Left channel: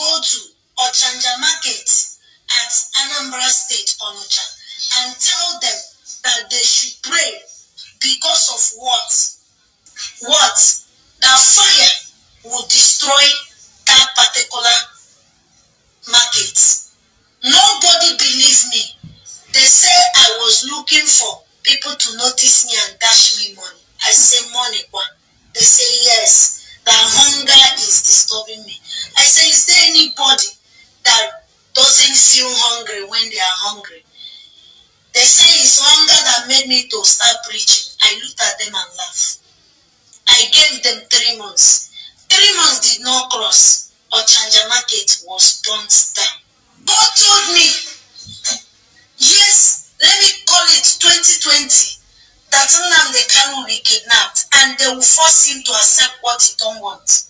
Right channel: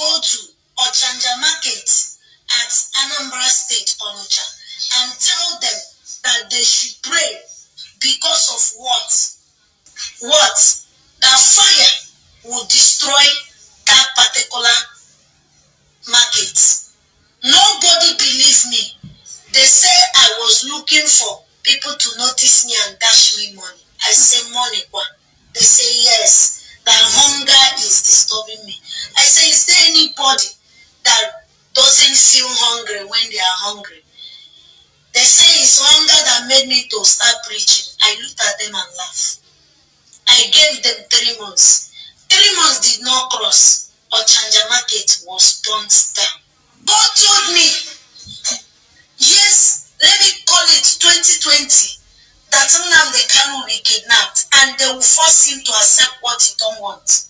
go to Ochanja Market at Anambra State, Onitsha, and tell them that they should pray because of what? That fire will destroy that particular market. Nobody believed me. They say I was looking for people to notice me and dash me money. I say money, what? They say yes, that hunger is disturbing me. I say, is there anybody that doesn't feel hungry when they are hungry? They say it's hunger that made me to start preaching. I looked at them and laughed. I gave them 3 months. 3 months did not cross. Ochanja Market was burnt down. God told me, yes, let me call it 2020, that Nnamdi Kanu will be kidnapped and they will force him to accept what he don't want.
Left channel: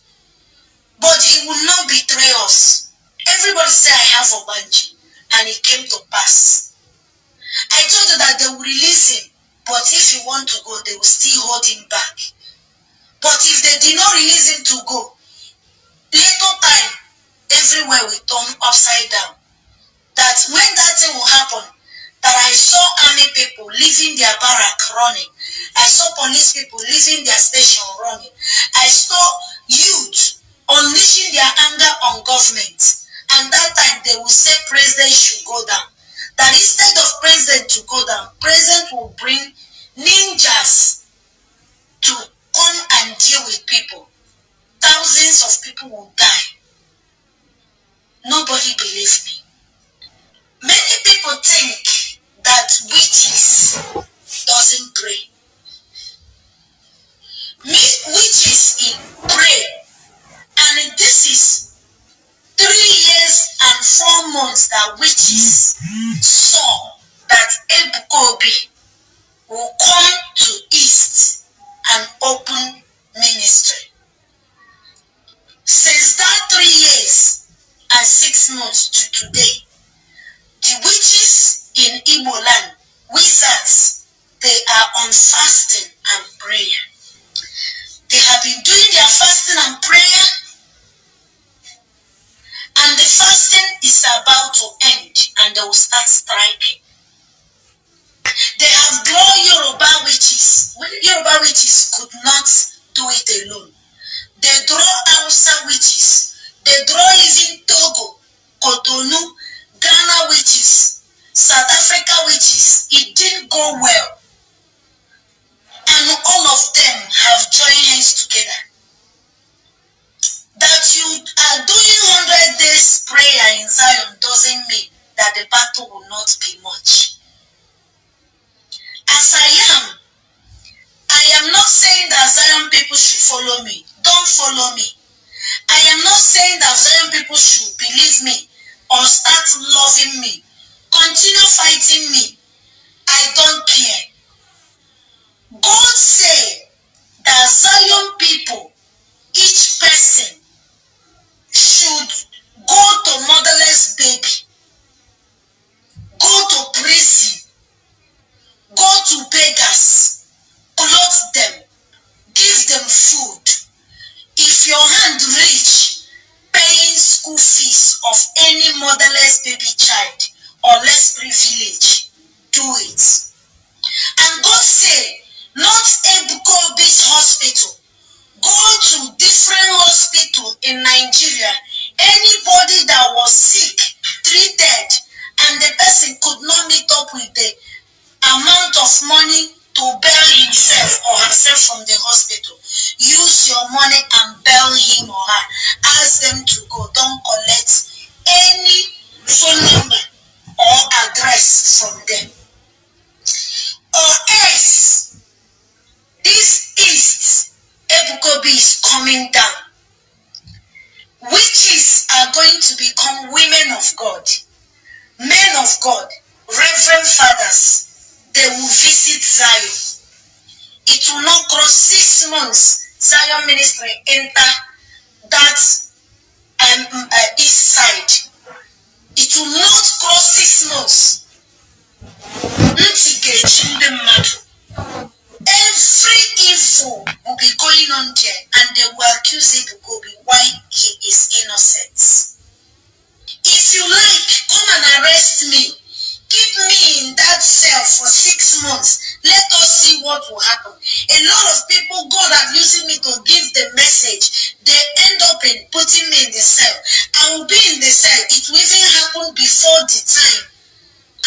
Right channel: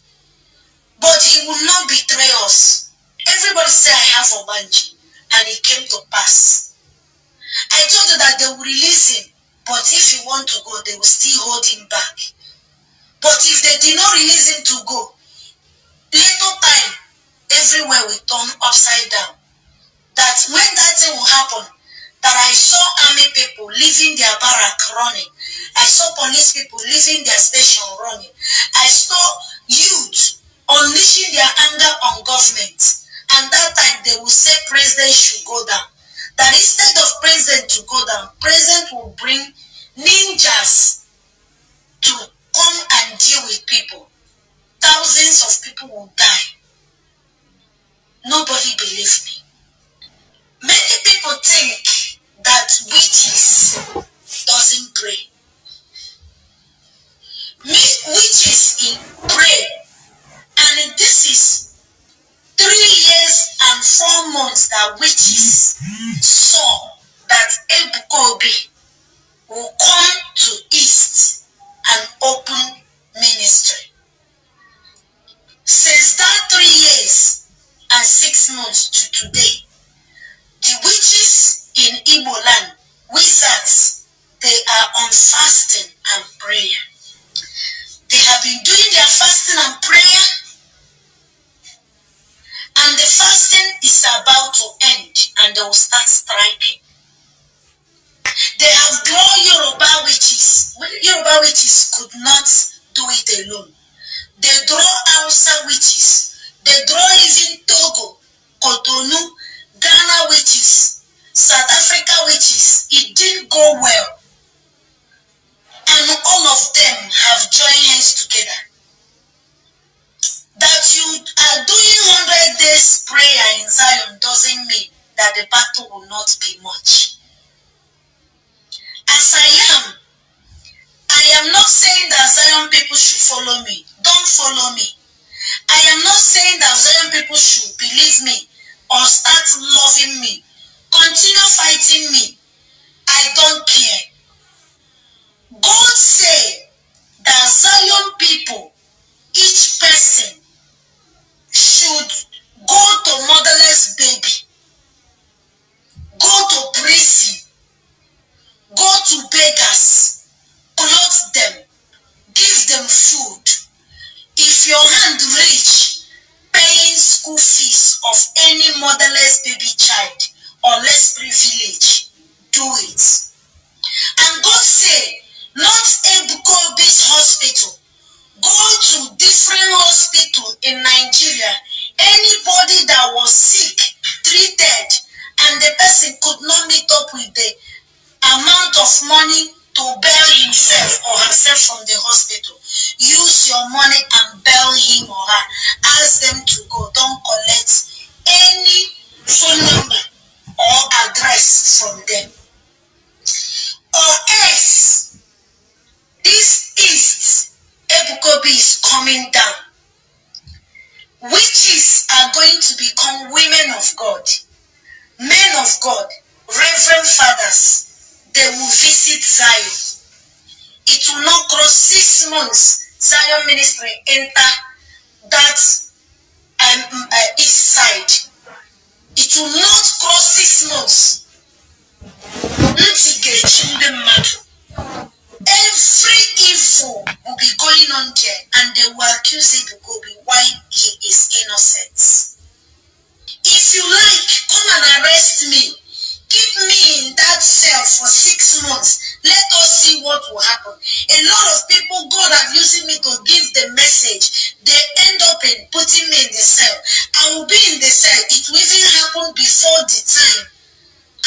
But he will not betray us. Everybody say I have a Obanji, and it came to pass. I told you that they will release him, but if he want to go, they will still hold him back. But if they did not release him to go, little time, everywhere will turn upside down. That when that thing will happen, that I saw army people leaving their barrack running. I saw police people leaving their station running. I saw youth unleashing their anger on government. And that time they will say president should go down. That instead of president to go down, president will bring ninjas to come and deal with people. Thousands of people will die. Nobody believes me. Many people think that witches doesn't pray. Witches pray. And this is 3 years and 4 months that witches saw that Ebuka Obi will come to East and open ministry. Since that 3 years and 6 months to today, the witches in Igbo land, wizards, they are on fasting and prayer. They have been doing their fasting and prayer, and the fasting is about to end, and they will start striking. They have drawn Yoruba witches. Yoruba witches could not do it alone. They draw Hausa witches. They draw even Togo, Cotonou, Ghana witches, South Africa witches. It didn't go well. And all of them have joined hands together. That you are doing 100 days prayer in Zion doesn't mean that the battle will not be much. As I am not saying that Zion people should follow me. Don't follow me. I am not saying that Zion people should believe me or start loving me. Continue fighting me. I don't care. God said that Zion people, each person, should go to motherless baby, go to prison, go to beggars, clothe them, give them food. If your hand reach paying school fees of any motherless baby child or less privilege, do it. And God said, not Ebuka Obi's hospital. Go to different hospitals in Nigeria. Anybody that was sick, treated, and the person could not meet up with the amount of money to bail himself or herself from the hospital, use your money and bail him or her. Ask them to go. Don't collect any phone number or address from them. Or else, this East, Ebuka Obi is coming down. Witches are going to become women of God, men of God, reverend fathers. They will visit Zion. It will not cross 6 months. Zion ministry enter that east side. It will not cross 6 months. Every evil will be going on there, and they will accuse Ebuka Obi why he is innocent. putting me in the cell. I will be in the cell. It will even happen before the time.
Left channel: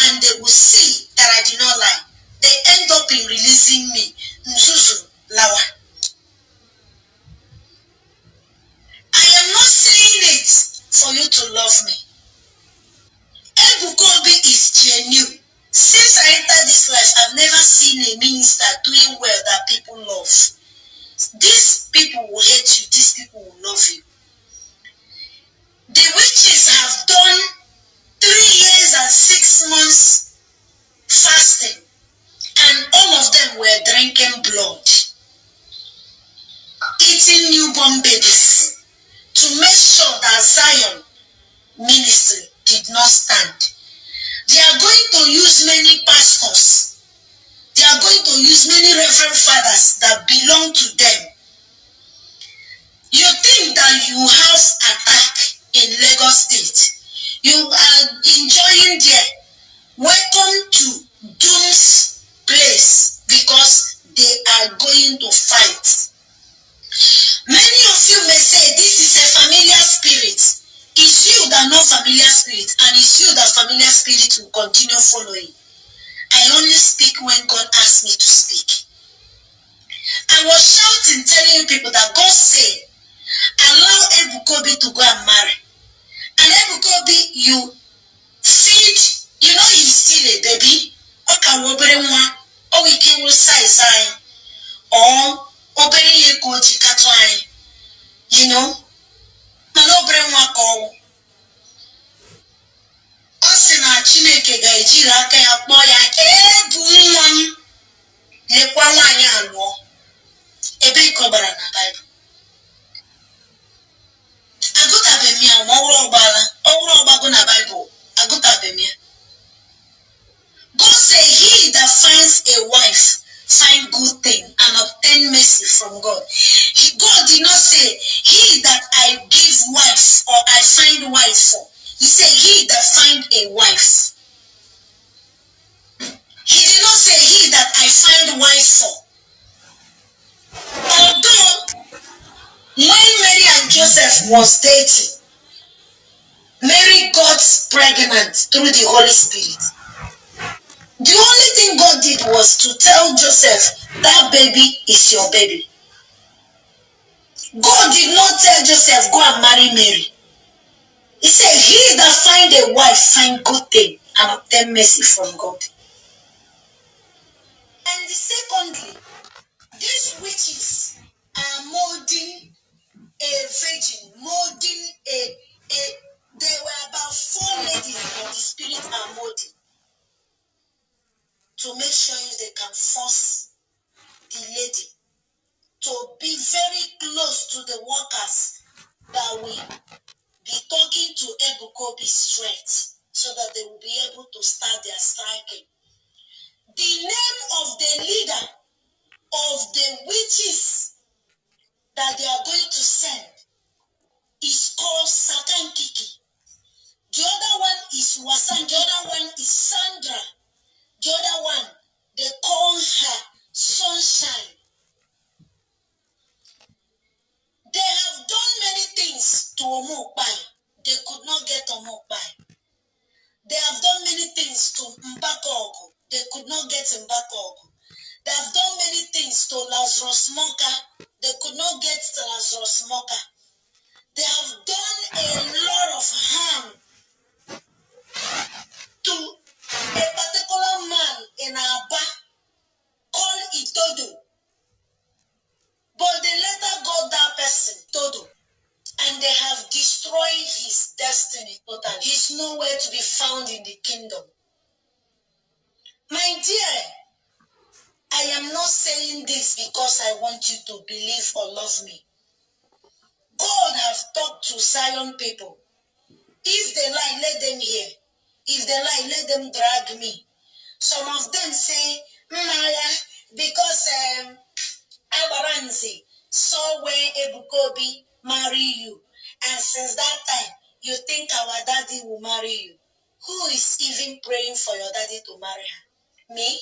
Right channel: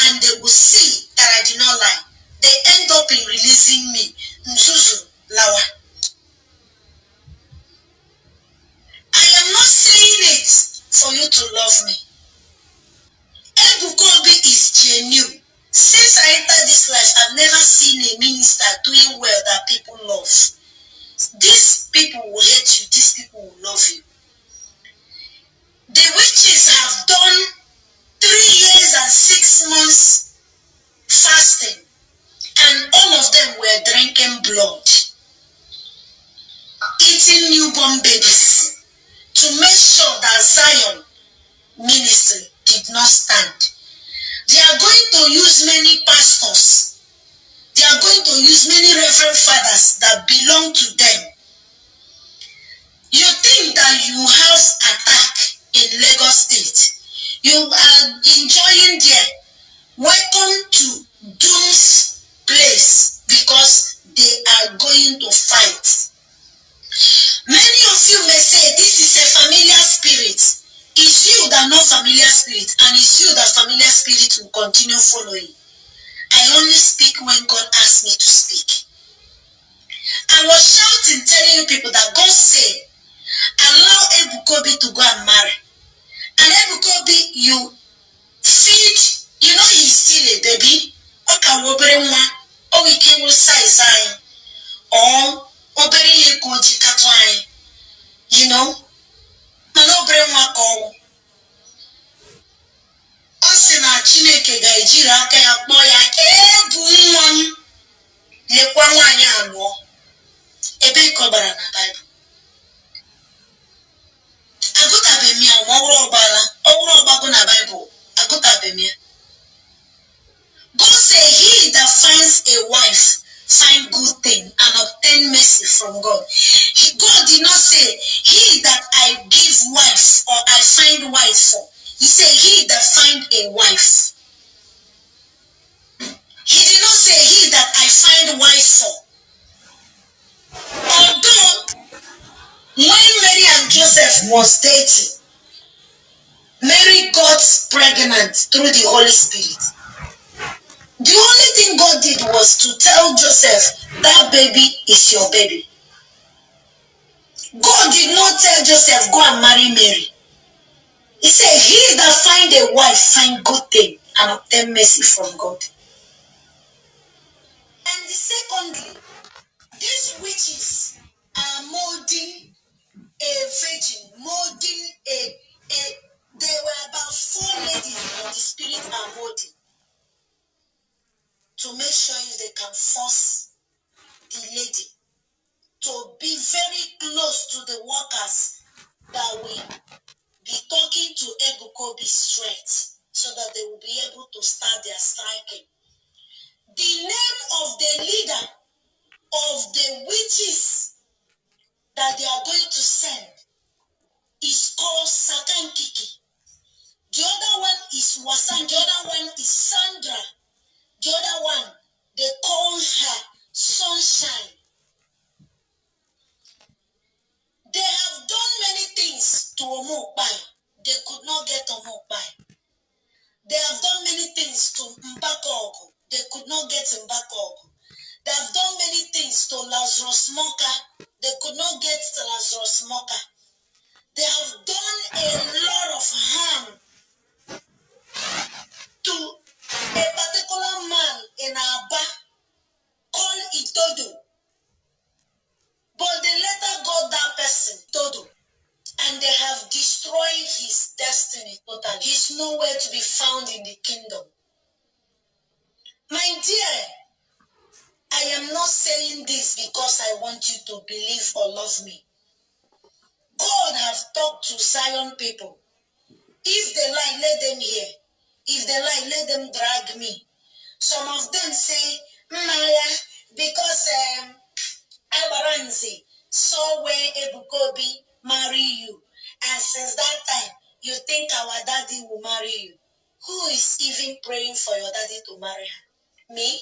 And they will see that I did not lie. They end up in releasing me. Nzuzu Lawa. I am not saying it for you to love me. Ebuka Obi is genuine. Since I entered this life, I've never seen a minister doing well that people love. These people will hate you. These people will love you. The witches have done 3 years and 6 months fasting, and all of them were drinking blood, eating newborn babies, to make sure that Zion ministry did not stand. They are going to use many pastors. They are going to use many reverend fathers that belong to them. You think that you have attack in Lagos State. You are enjoying there. Welcome to Doom's place, because they are going to fight. Many of you may say this is a familiar spirit. It's you that know familiar spirit, and it's you that familiar spirit will continue following. I only speak when God asks me to speak. I was shouting, telling you people that God said, allow Ebuka Obi to go and marry. And Ebuka Obi, you feed, you know he's still a baby. Or we can size or obere ye koji katwai. You know? Manobre mwako. Osina Chineke ga-ejiri aka ya kpọọ ya ebu nwa m lekwa nwaanyị alụọ. Ebe kọbara na Bible. Agụtabeghị ya ma ọwụrụ ọgbago na Bible. Agụtabeghị ya. God say he that finds a wife find good thing and obtain mercy from God. God did not say he that I give wife or I find wife for. He said he that find a wife. He did not say he that I find wife for. Although when Mary and Joseph was dating, Mary got pregnant through the Holy Spirit. The only thing God did was to tell Joseph, that baby is your baby. God did not tell Joseph, go and marry Mary. He said, he that find a wife find good thing and obtain mercy from God. And secondly, these witches are molding a virgin, molding there were about 4 ladies that the spirit are molding to make sure if they can force the lady to be very close to the workers that will be talking to Ebuka Obi straight, so that they will be able to start their striking. The name of the leader of the witches that they are going to send is called Satankiki. The other one is Wasan. The other one is Sandra. The other one, they call her Sunshine. They have done many things to Omokbai. They could not get Omokbai. They have done many things to Mbakogo. They could not get Mbakogo. They have done many things to Lazarus Moka. They could not get Lazarus Moka. They have done a lot of harm to a particular man in Aba called Itodo. But they later got that person, Todo, and they have destroyed his destiny totally. He's nowhere to be found in the kingdom. My dear, I am not saying this because I want you to believe or love me. God has talked to Zion people. If they lie, let them hear. If they lie, let them drag me. Some of them say, Maya, because Abaranzi saw when Ebuka Obi marry you. And since that time, you think our daddy will marry you. Who is even praying for your daddy to marry her? Me?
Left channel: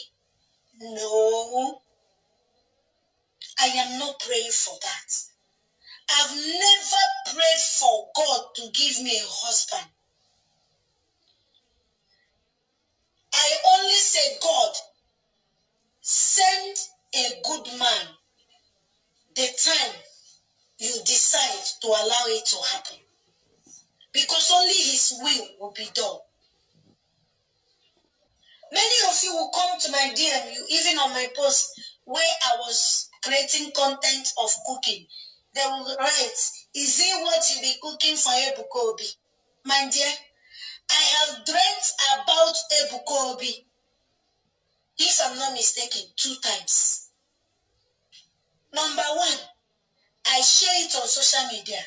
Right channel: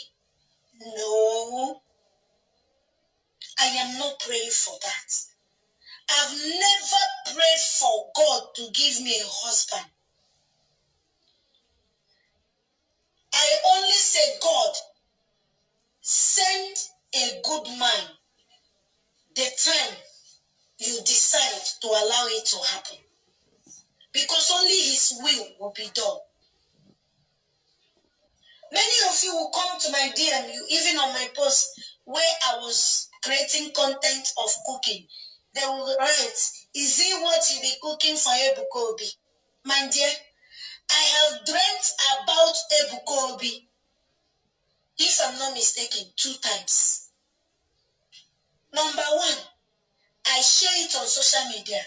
No. I am not praying for that. I've never prayed for God to give me a husband. I only say, God, send a good man the time you decide to allow it to happen. Because only his will be done. Many of you will come to my DM, even on my post, where I was creating content of cooking. They will write, is it what you be cooking for Ebuka Obi? My dear, I have dreamt about Ebuka Obi, if I'm not mistaken, 2 times. Number 1, I share it on social media.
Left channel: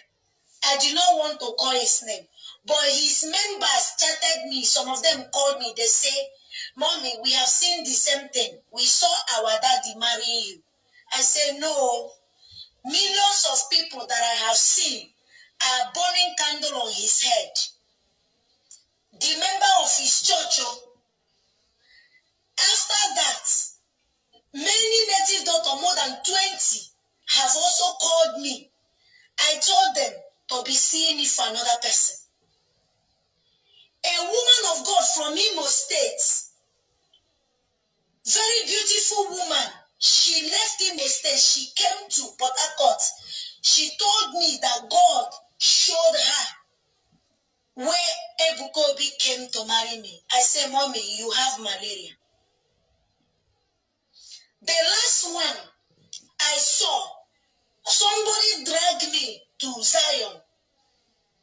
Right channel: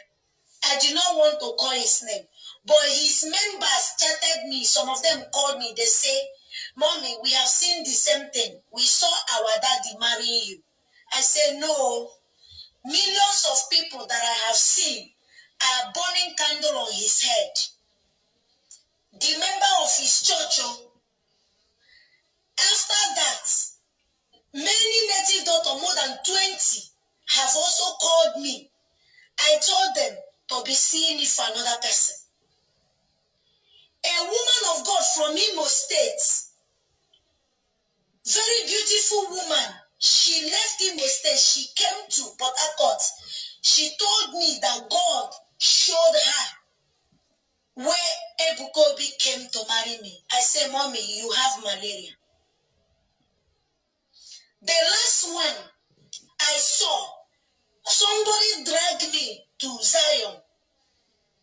I do not want to call his name, but his members chatted me. Some of them called me. They say, Mommy, we have seen the same thing. We saw our daddy marrying you. I say, no. Millions of people that I have seen are burning candle on his head. The member of his church, after that, many native doctors, more than 20, have also called me. I told them to be seeing it for another person. A woman of God from Imo State, very beautiful woman, she left Imo State, she came to Port Harcourt. She told me that God showed her where Ebuka Obi came to marry me. I said, Mommy, you have malaria. The last one I saw, somebody dragged me to Zion.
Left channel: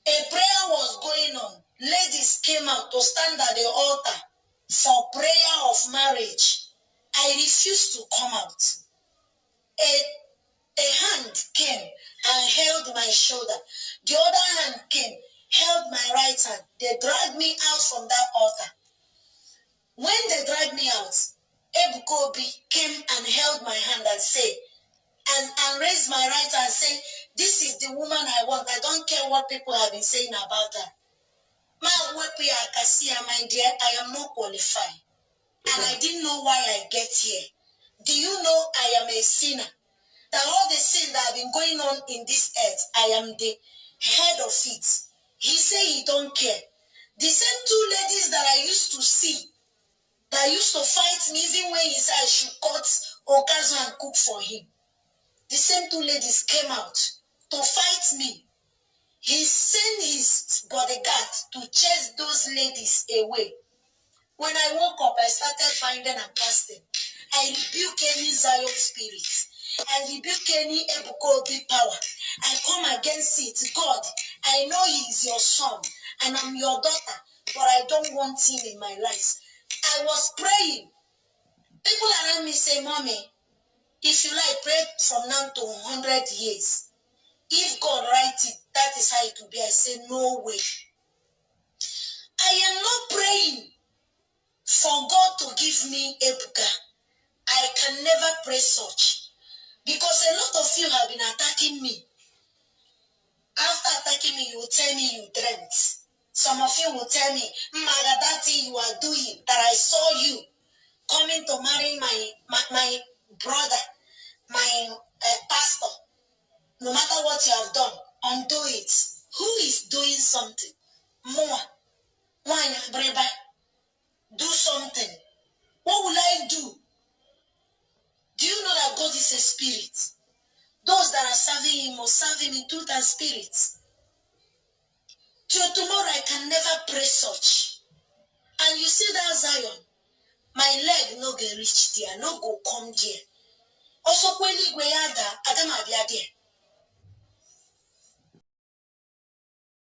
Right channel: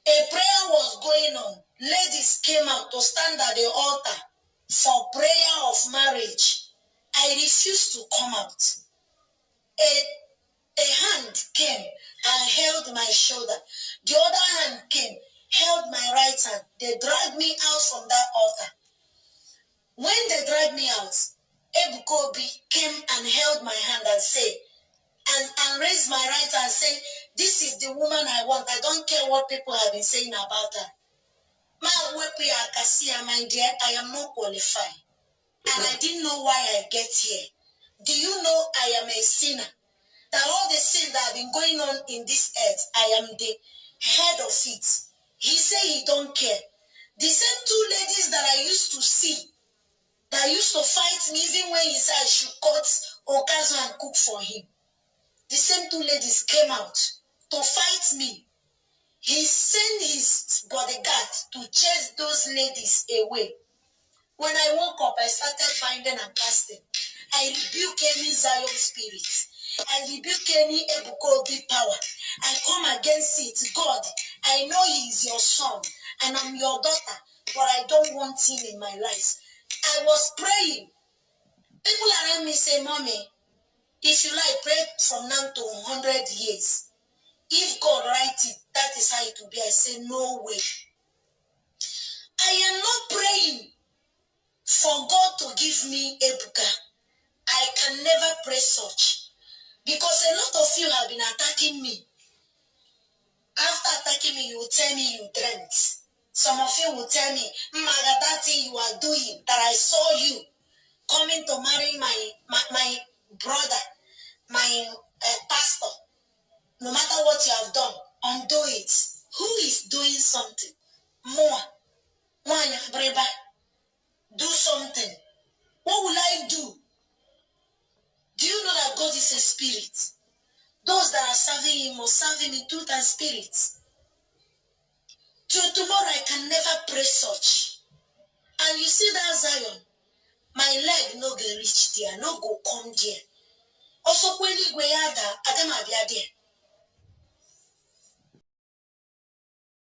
A prayer was going on. Ladies came out to stand at the altar for prayer of marriage. I refused to come out. A hand came and held my shoulder. The other hand came, held my right hand. They dragged me out from that altar. When they dragged me out, Ebuka Obi came and held my hand and said, and raised my right hand and said, this is the woman I want. I don't care what people have been saying about her. My dear, I am not qualified. And I didn't know why I get here. Do you know I am a sinner? That all the sin that have been going on in this earth, I am the head of it. He said he don't care. The same 2 ladies that I used to see, that used to fight me, even when he said I should cut okazu and cook for him. The same 2 ladies came out to fight me. He sent his bodyguard to chase those ladies away. When I woke up, I started binding and casting. I rebuke any Zion spirit. I rebuke any Ebuka Obi power. I come against it. God, I know he is your son and I'm your daughter, but I don't want him in my life. I was praying. People around me say, Mommy, if you like, pray from now to 100 years. If God writes it, that is how it will be. I say, no way. I am not praying for God to give me Ebuka. I can never pray such. Because a lot of you have been attacking me. After attacking me, you will tell me you dreamt. Some of you will tell me, Magadati, you are doing, that I saw you coming to marry my brother, my pastor. No matter what you have done, undo it. Who is doing something? More. Do something. What will I do? Do you know that God is a spirit? Those that are serving him must serve him in truth and spirit. Till tomorrow I can never pray such. And you see that Zion, my leg no go reach there, no go come there. Also, when you go there, I don't have there.